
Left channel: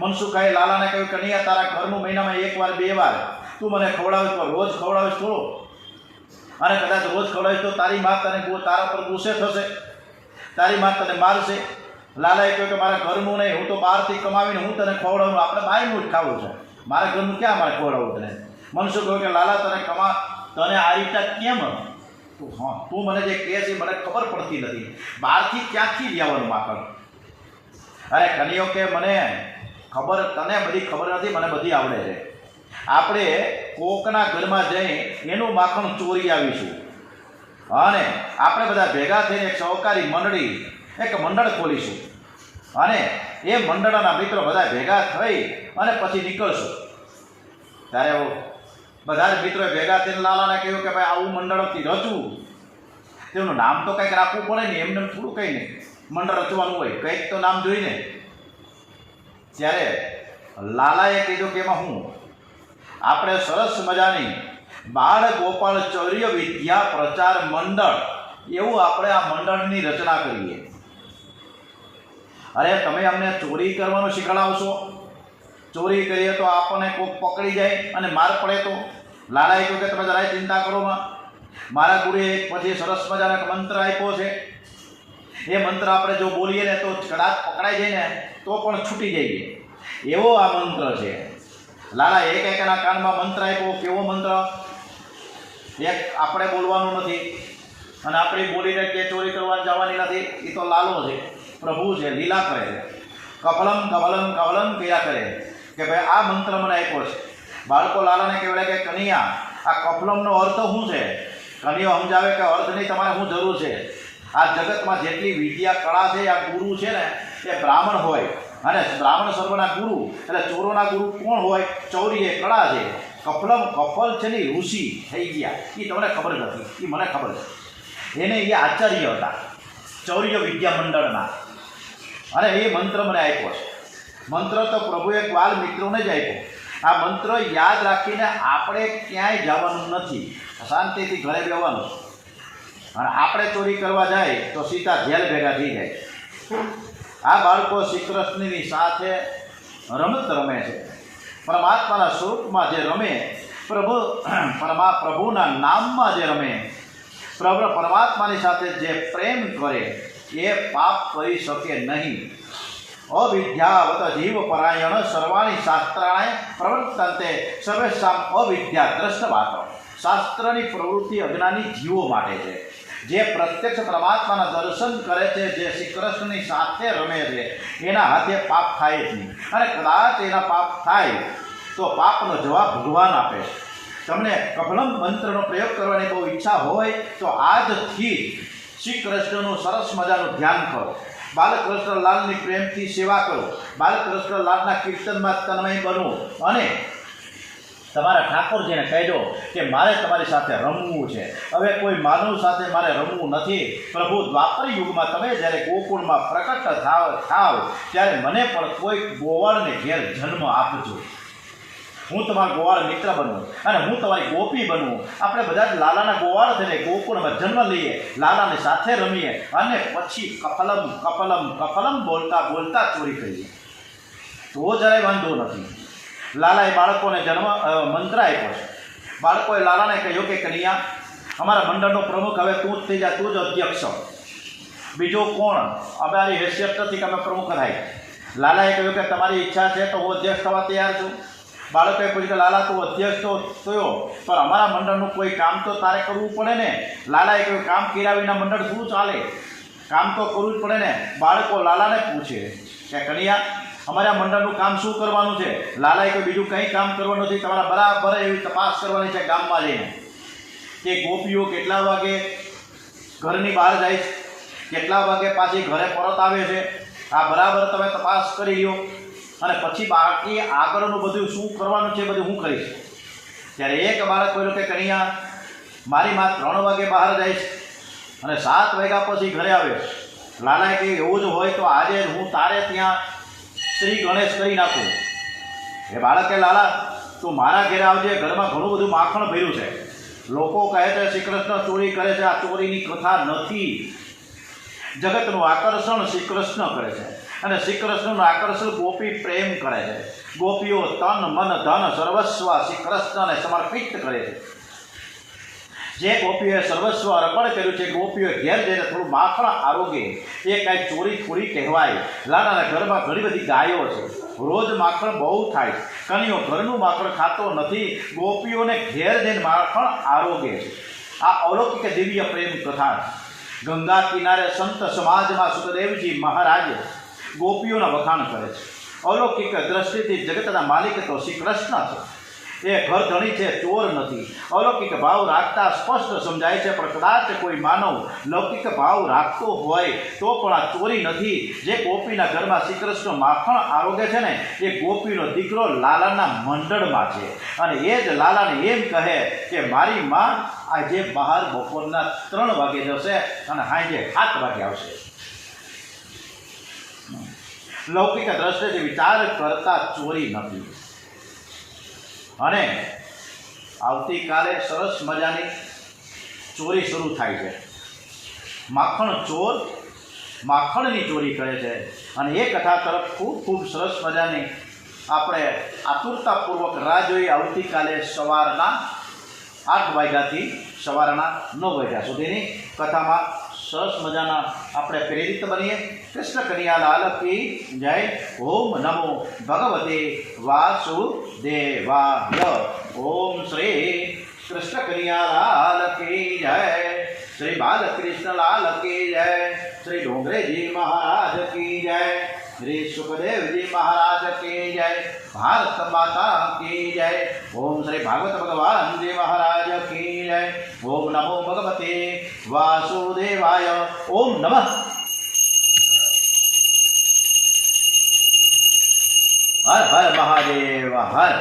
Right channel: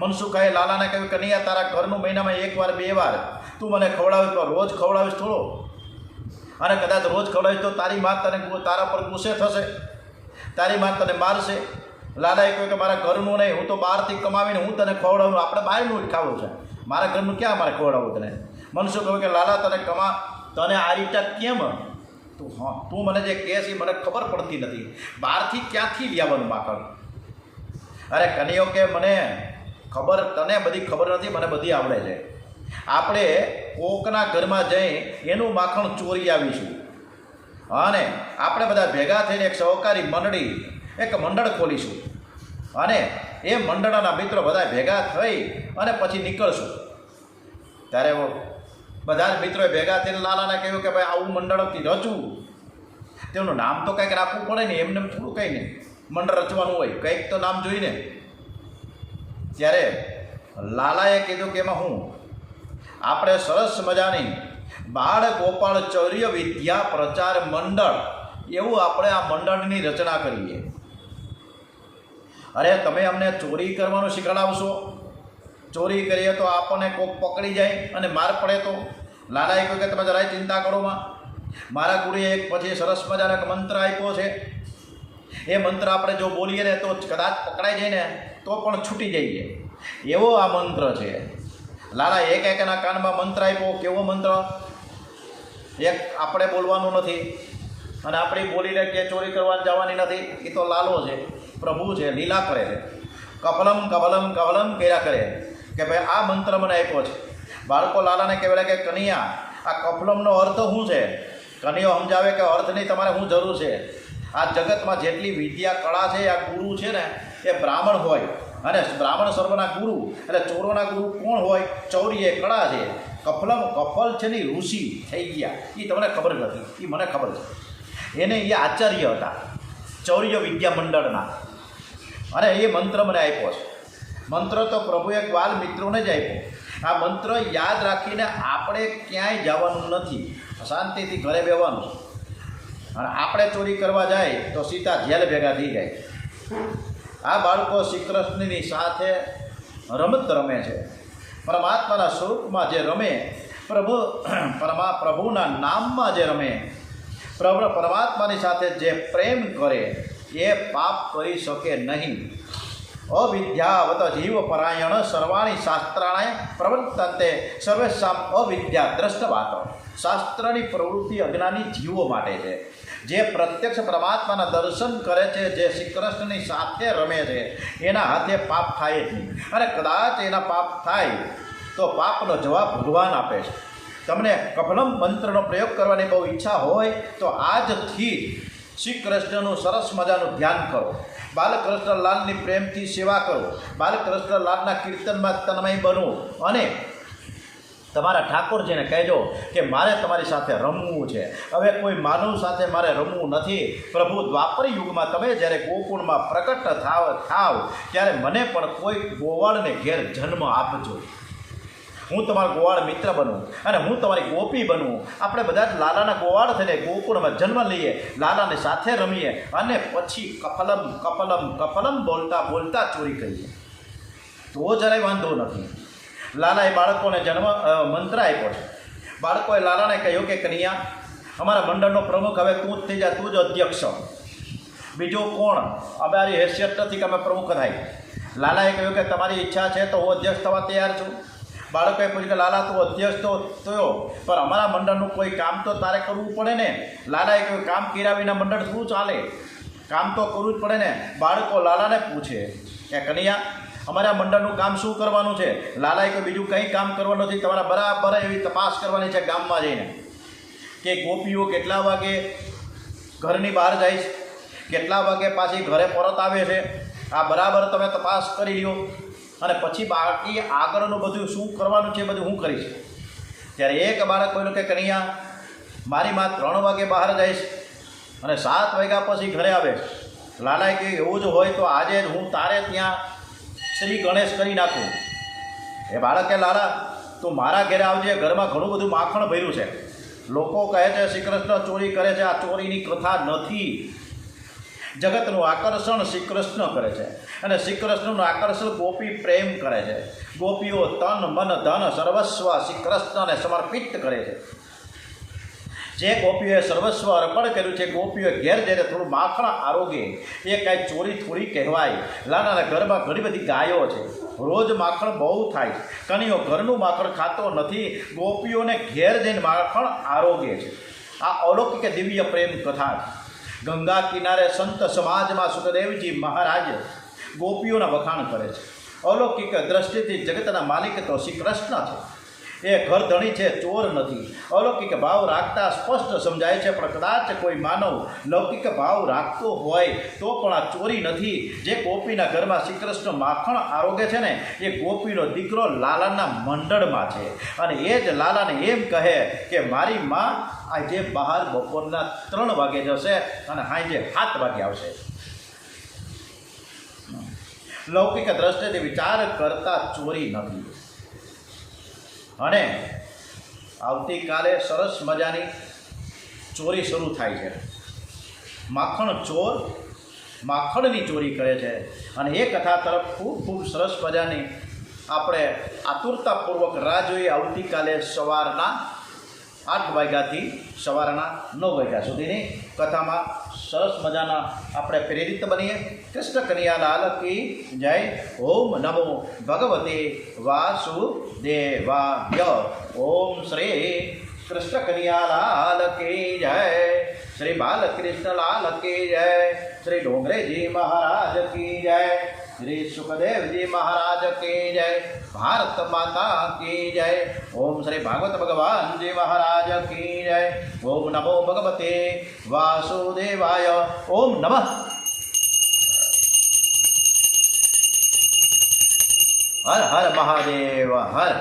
મનસુખાએ લાલાને કહ્યું, કનૈયા, તારા ઘરનું મહિનામાં 1 વાર 2 વાર તું મને ખવડાવીશ, તો રોજ ખવડાવીશ થોડો? અને કદાચ રોજ ખવડાવીશ તો તારી મા તારા પર ગુસ્સે થશે, તારી મા તને મારશે. લાલાએ કહ્યું કે મારા ઘરનું નહીં, હું તો બહારથી કમાવીને હું તને ખવડાવું. આપણે બહારનું જ ખાવું છે, મારા ઘરનું ક્યાં મારે ખવડાવવું તને? મનસુખ કહ્યું કે લાલા, તને આ રીતે કેમ? તું મને જે કહે છે મને ખબર પડતી નથી. બહારથી ક્યાંથી લેવાનું માખણ? અરે કનૈયો કે મને ખબર, તને બધી ખબર નથી, મને બધી આવડે છે. આપણે કોકના ઘરમાં જઈ એનું માખણ ચોરી આવીશું અને આપણે બધા ભેગા થઈને એક સહકારી મંડળ ખોલીશું અને એ મંડળના મિત્રો બધા ભેગા થઈ અને પછી નીકળશું. ત્યારે બધા જ મિત્રોએ ભેગા થઈને લાલાને કહ્યું કે ભાઈ આવું મંડળથી રચવું, તેમનું નામ તો કંઈક રાખવું પડે ને, એમને થોડું કંઈ નહીં. મંડળ રચવાનું હોય, કંઈક તો નામ જોઈને. ત્યારે લાલાએ કીધું કે એમાં હું આપણે સરસ મજાની બાળ ગોપાળ ચૌર્ય વિદ્યા પ્રચાર મંડળ, એવું આપણે આ મંડળની રચના કરીએ. અરે તમે અમને ચોરી કરવાનું શીખવાડશો? ચોરી કરીએ તો આપણને કોઈક પકડી જાય અને માર પડે તો? લાલાએ કહ્યું કે તમે જરાય ચિંતા કરોમાં. મારા ગુરુએ પછી સરસ મજાનો એક મંત્ર આપ્યો છે. એ મંત્ર આપણે જો બોલીએ ને તો કદાચ પકડાઈ જાય ને તો પણ છૂટી જઈએ, એવો આ મંત્ર છે. લાલા એના કાનમાં મંત્ર આપ્યો. કેવો મંત્ર? એક આપણે બોલવાનું નથી અને આપણે બોલીને કે ચોરી કરવાની જવાની નથી. એ તો લાલો છે, પ્રભુ છે, લીલા કરે છે. કફલમ કફલમ કફલમ કર્યા કરે કે ભાઈ આ મંત્ર મને આપ્યો છે. બાળકો લાલાને કહેવાય કે કનૈયા, આ કફલમનો અર્થ શું છે? કનૈયો સમજાવે કે અર્થની તમારે શું જરૂર છે? આ જગતમાં જેટલી વિદ્યા કળા છે, આ ગુરુ છે ને એ બ્રાહ્મણ હોય અને બ્રાહ્મણ સર્વના ગુરુ, એટલે ચોરોના ગુરુ કોણ હોય? ચૌરી એ કળા છે. કફલ છે ને ઋષિ થઈ ગયા, એ તમને ખબર નથી, એ મને ખબર છે. એને એ આચાર્ય હતા ચૌર્ય વિદ્યા મંડળના, અને એ મંત્ર મને આપ્યો છે. મંત્ર તો પ્રભુએ ગ્વાલ મિત્રોને જ આપ્યો. આ મંત્ર યાદ રાખીને આપણે ક્યાંય જવાનું નથી, શાંતિથી ઘરે બેવાનું. અને આપણે ચોરી કરવા જાય તો સીધા જેલ ભેગા થઈ જાય. આ બાળકો શ્રી કૃષ્ણની સાથે રમત રમે છે. પરમાત્માના સ્વરૂપમાં જે રમે, પ્રભુના નામમાં જે રમે, પરમાત્માની સાથે જે પ્રેમ કરે એ પાપ કરી શકે નહીં. અવિદ્યાવત જીવ પરાયણ સર્વાણી શાસ્ત્રાણે પ્રવર્તન્તે સર્વેશામ અવિદ્યા દ્રષ્ટવાત. શાસ્ત્રની પ્રવૃત્તિ અજ્ઞાની જીવો માટે છે. જે પ્રત્યક્ષ પરમાત્માના દર્શન કરે છે, જે શ્રી કૃષ્ણની સાથે રમે છે, એના હાથે પાપ થાય જ નહીં. અને કદાચ એના પાપ થાય તો પાપનો જવાબ ભગવાન આપે છે. તમને કફલમ મંત્રનો પ્રયોગ કરવાની બહુ ઈચ્છા હોય તો આજથી શ્રી કૃષ્ણનું સરસ મજાનું ધ્યાન કરો. બાલકૃષ્ણ લાલની પ્રેમથી સેવા કરો. બાલકૃષ્ણ લાલના કીર્તનમાં તન્મય બનવું અને તમારા ઠાકોરજીને કહેજો કે મારે તમારી સાથે રમવું છે. હવે કોઈ માનવ સાથે મારે રમવું નથી. પ્રભુ દ્વાપર યુગમાં તમે જ્યારે ગોકુળમાં પ્રકટ થાવ ત્યારે મને પણ કોઈ ગોવાળને ઘેર જન્મ આપજો. હું તમારો ગોવાળ મિત્ર બનું અને હું તમારી ગોપી બનું. આપણે બધા જ લાલાના ગોવાળ થઈને ગોકુળમાં જન્મ લઈએ, લાલાને સાથે રમીએ અને પછી કપલમ કપલમ કપલમ બોલતા બોલતા ચોરી કરીએ તો જરાય વાંધો નથી. લાલાએ બાળકોને મંત્ર આપ્યો છે. બાળકોએ લાલાને કહ્યું કે કન્યા, અમારા મંડળનો પ્રમુખ હવે તું જ થઈ જા, તું જ અધ્યક્ષ. બીજો કોણ? અમારી હેસિયત નથી કે અમે પ્રમુખ થાય. લાલાએ કહ્યું કે તમારી ઈચ્છા છે તો હું અધ્યક્ષ થવા તૈયાર છું. બાળકોએ પૂછ્યું કે લાલા તું અધ્યક્ષ તો થયો, પણ અમારા મંડળનું કોઈ કામ તો તારે કરવું પડે ને. લાલાએ કહ્યું કામ કર્યા વિના મંડળ શું ચાલે? કામ તો કરવું જ પડે ને. બાળકો લાલાને પૂછે કે કન્યા, અમારા મંડળનું કામ શું કરવાનું છે? લાલાએ કહ્યું બીજું કંઈ કામ કરવાનું નથી, તમારા બરાબર એવી તપાસ કરવાની છે ગામમાં જઈને કે ગોપીઓ કેટલા વાગે ઘરની બહાર જાય છે, કેટલા વાગે પાછી ઘરે પરત આવે છે. આ બરાબર તમે તપાસ કરી લો અને પછી બાકી આગળનું બધું શું કરવાનું છે બધું હું કરીશ. ત્યારે એક બાળક બોલ્યો કે કન્યા, મારી માં 3 વાગે બહાર જાય છે અને 7 વાગ્યા પછી ઘરે આવે છે. લાલાએ કહ્યું એવું જ હોય તો આજે હું તારે ત્યાં શ્રી ગણેશ કરી નાખું. એ બાળકે લાલા તું મારા ઘરે આવજે, ઘરમાં ઘણું બધું માખણ ભર્યું છે. લોકો કહે છે શ્રી કૃષ્ણ ચોરી કરે છે. આ ચોરીની કથા નથી. જગતનું આકર્ષણ શ્રી કૃષ્ણ કરે છે અને શ્રી કૃષ્ણનું આકર્ષણ ગોપી પ્રેમ કરે છે. ગોપીઓ તન મન ધન સર્વસ્વ શ્રી કૃષ્ણને સમર્પિત કરે છે. જે ગોપીઓએ સર્વસ્વ અર્પણ કર્યું છે, ગોપીઓએ ઘેર જઈને થોડું માખણ આરોગે, એ કાંઈ ચોરી થોડી કહેવાય. લાલાના ઘરમાં ઘણી બધી ગાયો છે, રોજ માખણ બહુ થાય છે. કનીઓ ઘરનું માખણ ખાતો નથી, ગોપીઓને ઘેર જઈને માખણ આરોગે છે. આ અલૌકિક દિવ્ય પ્રેમ કથા છે. ગંગા કિનારે સંત સમાજમાં સુખદેવજી મહારાજ ગોપીઓના વખાણ કરે છે. અલૌકિક દ્રષ્ટિથી જગતના માલિક તો શ્રી કૃષ્ણ છે. એ ઘર ધણી છે, ચોર નથી. અલૌકિક ભાવ રાખતા સ્પષ્ટ સમજાય છે, પણ કદાચ કોઈ માનવ લૌકિક ભાવ રાખતો હોય તો પણ આ ચોરી નથી. જે ગોપીના ઘરમાં શ્રી કૃષ્ણ માખણ આરોગે છે ને, એ ગોપીનો દીકરો લાલાના મંડળમાં છે. અને એ જ લાલાને એમ કહે કે મારી માં આજે બહાર બપોરના 3 વાગે જશે અને સાંજે 7 વાગે આવશે. લૌકિક દ્રષ્ટિથી વિચાર કરતા ચોરી નથી. અને આવતીકાલે સરસ મજાની ચોરી શરૂ થાય છે. માખણ ચોર માખણની ચોરી કરે છે. અને એ કથા તરફ ખૂબ ખૂબ સરસ મજાની આપણે આતુરતાપૂર્વક રાહ જોઈએ. આવતીકાલે સવારના 8 વાગ્યાથી સવારના 9 વાગ્યા સુધીની કથામાં સરસ મજાના આપણે પ્રેરિત બનીએ. કૃષ્ણ કનૈયાલાલ કી જય. ઓમ નમો ભગવતે વાસુદેવાય. ઓમ શ્રી કૃષ્ણ કનૈયાલાલ કી જય. શ્રી બાલકૃષ્ણલાલ કી જય. શ્રી ડોંગરેજી મહારાજ કી જય. શ્રી સુખદેવજી મહારાજ કી જય. ભારત માતા કી જય. ઓમ શ્રી ભાગવત ભગવાનજી મહારાજ કી જય. ઓમ નમો ભગવતે વાસુદેવાય. ઓમ નમઃ. હર હર મહાદેવ હર.